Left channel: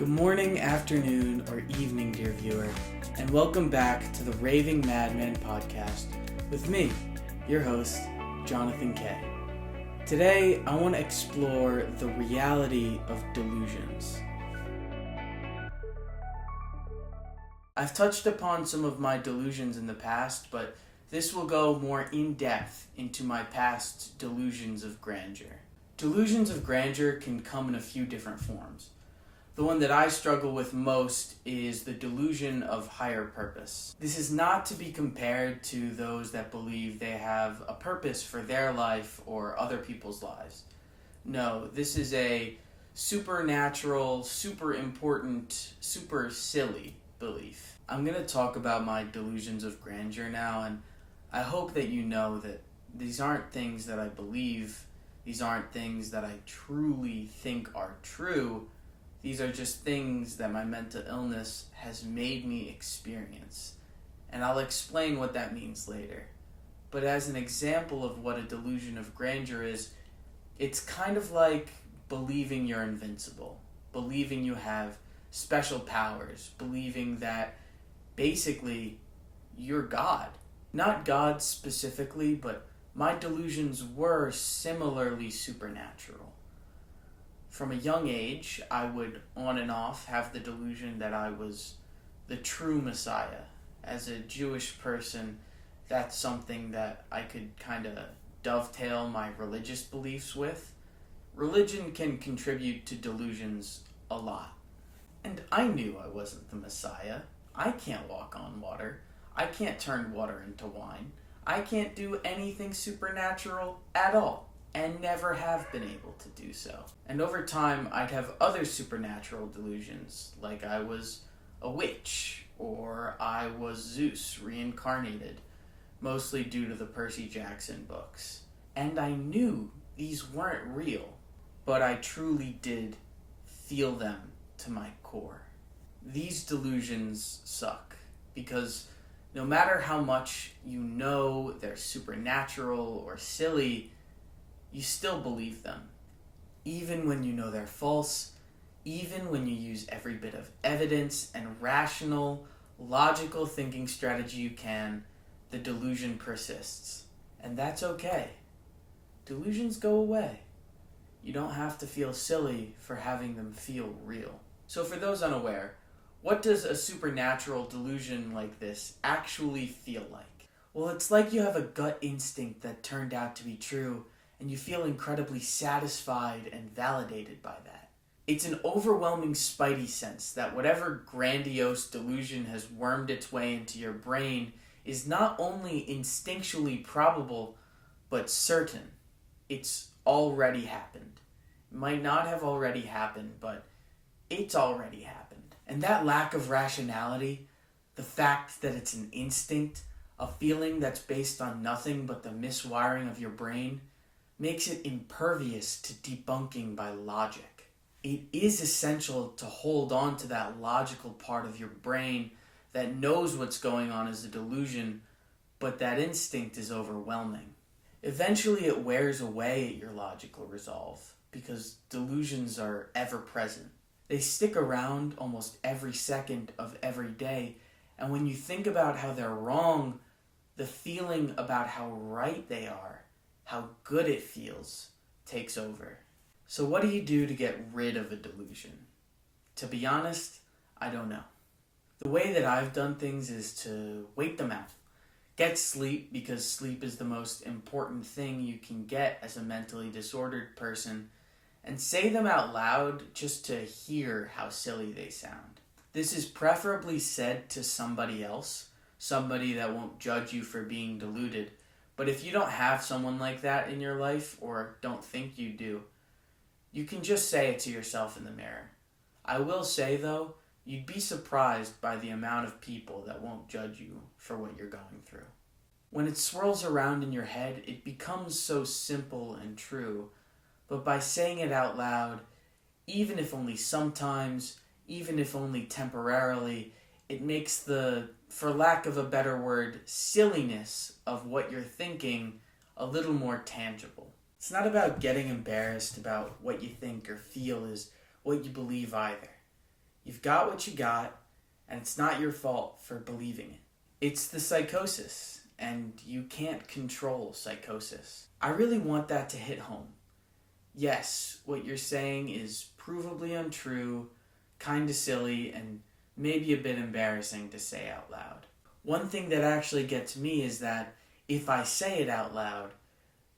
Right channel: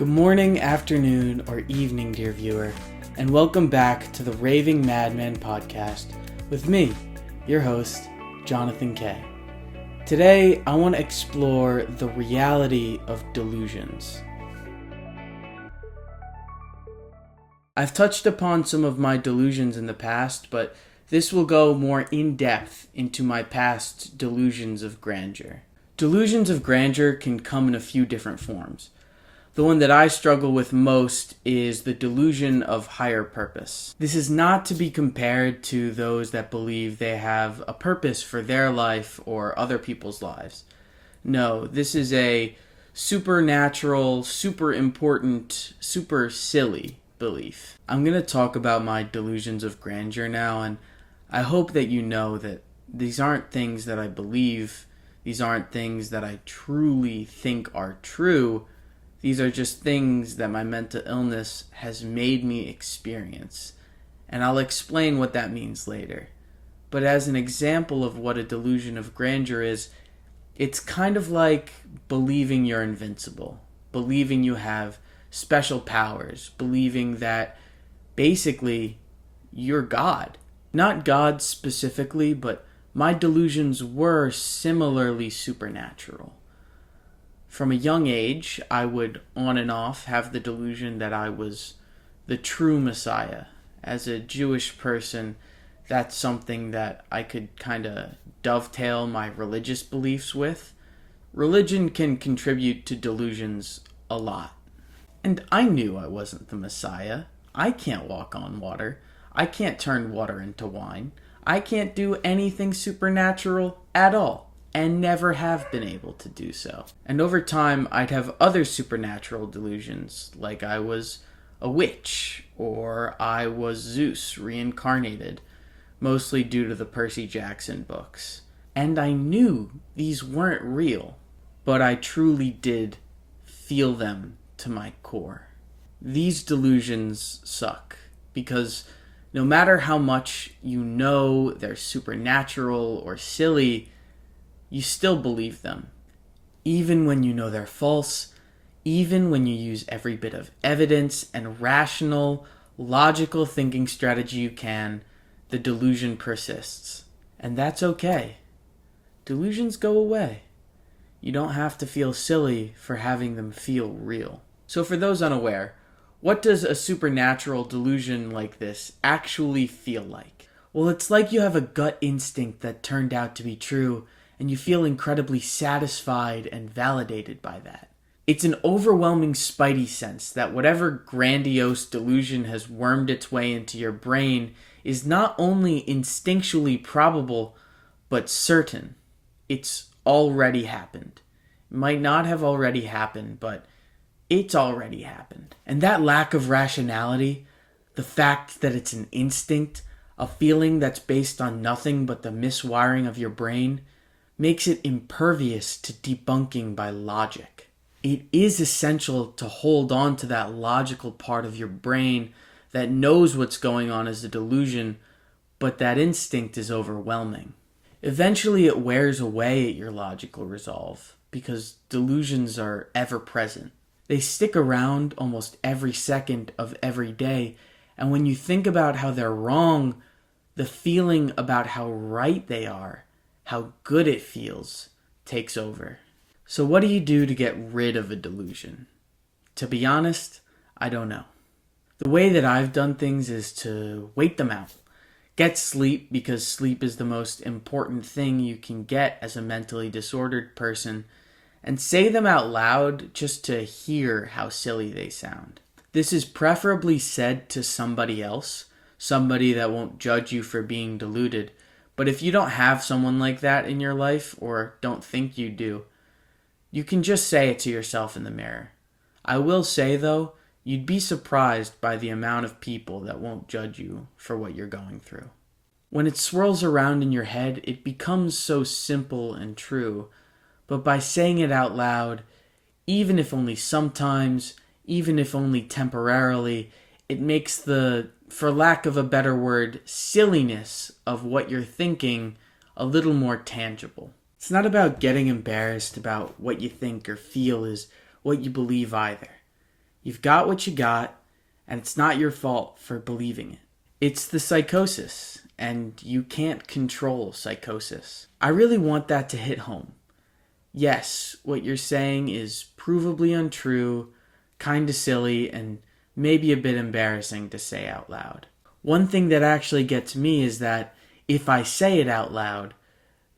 Good morning, afternoon, or evening, dear viewer, and welcome back to the Raving Madman podcast with me, your host, Jonathan K. Today, I want to explore the reality of delusions. I've touched upon some of my delusions in the past, but this will go more in depth into my past delusions of grandeur. Delusions of grandeur can come in a few different forms. The one that I struggle with most is the delusion of higher purpose. This is not to be compared to those that believe they have a purpose for their life or other people's lives. No, this is a supernatural, super important, super silly belief. I'm going to talk about my delusions of grandeur now, and I hope that you know that these aren't things that I believe. These aren't things that I truly think are true. These are just things that my mental illness has made me experience, and I'll explain what that means later. But as an example of what a delusion of grandeur is, it's kind of like believing you're invincible, believing you have special powers, believing that basically you're God. Not God specifically, but my delusions were similarly supernatural. From a young age, I would on and off have the delusion that I was the true Messiah. As a Jewish person, that's something that I could kind of dovetail my religious beliefs with. Religion can contribute to delusions a lot. And I knew I wasn't the Messiah. I can't walk on water. I can't turn water into wine. I can't do anything supernatural at all. And never have been able to do so. And over time, I'd have other supernatural delusions, like I was a witch, or I was Zeus reincarnated, mostly due to the Percy Jackson books. And I knew these weren't real, but I truly did feel them to my core. These delusions suck, because no matter how much you know they're supernatural or silly, you still believe them. Even when you know they're false, even when you use every bit of evidence and rational, logical thinking strategy you can, the delusion persists. And that's okay. Delusions go away. You don't have to feel silly for having them feel real. So for those unaware, what does a supernatural delusion like this actually feel like? Well, it's like you have a gut instinct that turned out to be true, and you feel incredibly satisfied and validated by that. It's an overwhelming spidey sense that whatever grandiose delusion has wormed its way into your brain is not only instinctually probable, but certain. It's already happened. It might not have already happened, but it's already happened. And that lack of rationality, the fact that it's an instinct, a feeling that's based on nothing but the miswiring of your brain, makes it impervious to debunking by logic. It is essential to hold on to that logical part of your brain that knows what's going on as a delusion, but that instinct is overwhelming. Eventually it wears away at your logical resolve, because delusions are ever present. They stick around almost every second of every day, and when you think about how they're wrong, the feeling about how right they are, how good it feels, takes over. So what do you do to get rid of a delusion? To be honest, I don't know. The way that I've done things is to wait them out. Get sleep, because sleep is the most important thing you can get as a mentally disordered person, and say them out loud just to hear how silly they sound. This is preferably said to somebody else, somebody that won't judge you for being deluded. But if you don't have someone like that in your life, or don't think you do, you can just say it to yourself in the mirror. I will say, though, you'd be surprised by the amount of people that won't judge you for what you're going through. When it swirls around in your head, it becomes so simple and true. But by saying it out loud, even if only sometimes, even if only temporarily, it makes the, for lack of a better word, silliness of what you're thinking a little more tangible. It's not about getting embarrassed about what you think or feel is what you believe either. You've got what you got, and it's not your fault for believing it. It's the psychosis, and you can't control psychosis. I really want that to hit home. Yes, what you're saying is provably untrue, kinda silly, and maybe a bit embarrassing to say out loud. One thing that actually gets me is that if I say it out loud,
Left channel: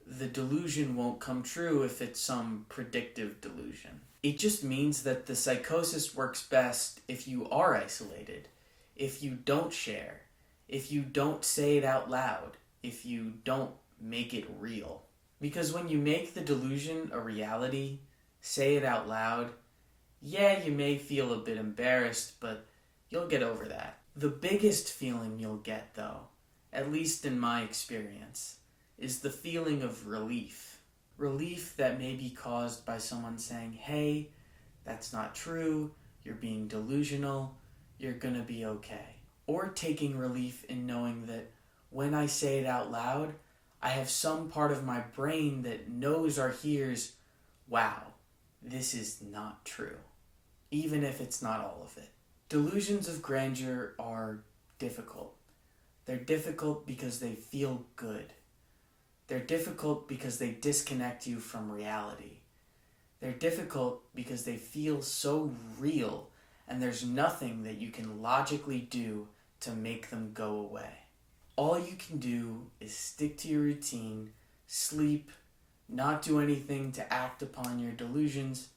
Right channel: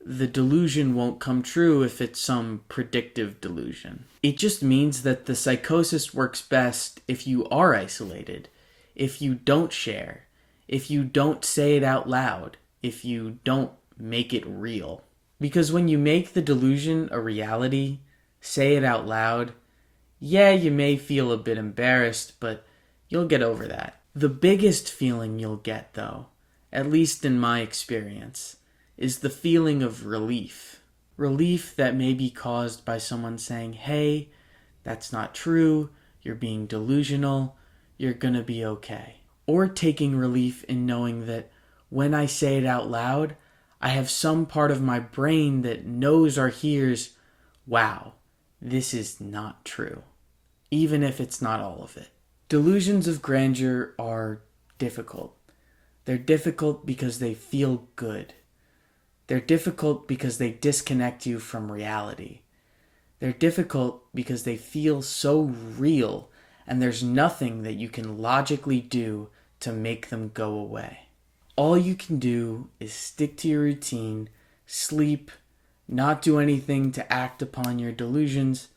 the delusion won't come true if it's some predictive delusion. It just means that the psychosis works best if you are isolated, if you don't share, if you don't say it out loud, if you don't make it real. Because when you make the delusion a reality, say it out loud, yeah, you may feel a bit embarrassed, but you'll get over that. The biggest feeling you'll get, though, at least in my experience, is the feeling of relief. Relief that may be caused by someone saying, hey, that's not true, you're being delusional, you're gonna be okay. Or taking relief in knowing that when I say it out loud, I have some part of my brain that knows or hears, wow, this is not true, even if it's not all of it. Delusions of grandeur are difficult. They're difficult because they feel good. They're difficult because they disconnect you from reality. They're difficult because they feel so real, and there's nothing that you can logically do to make them go away. All you can do is stick to your routine, sleep, not do anything to act upon your delusions,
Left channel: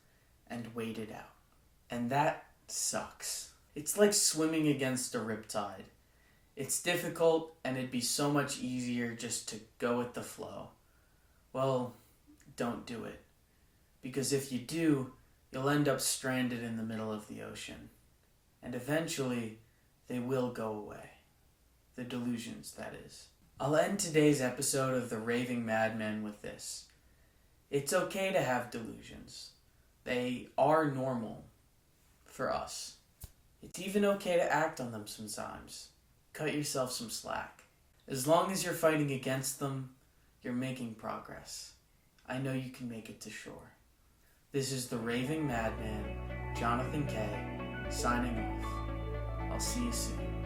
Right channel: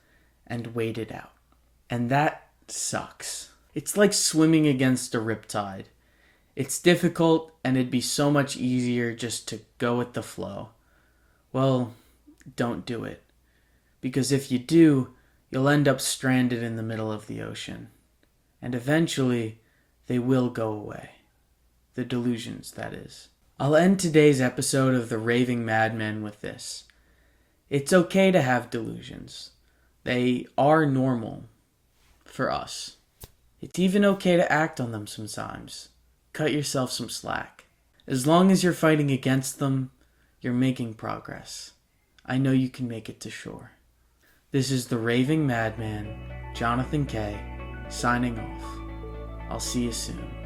and wait it out. And that sucks. It's like swimming against a riptide. It's difficult, and it'd be so much easier just to go with the flow. Well, don't do it. Because if you do, you'll end up stranded in the middle of the ocean. And eventually, they will go away. The delusions, that is. I'll end today's episode of the Raving Madman with this. It's okay to have delusions. They are normal for us. It's even okay to act on them sometimes. Cut yourself some slack. As long as you're fighting against them, you're making progress. I know you can make it to shore. This is the Raving Madman, Jonathan K., signing off. I'll see you soon.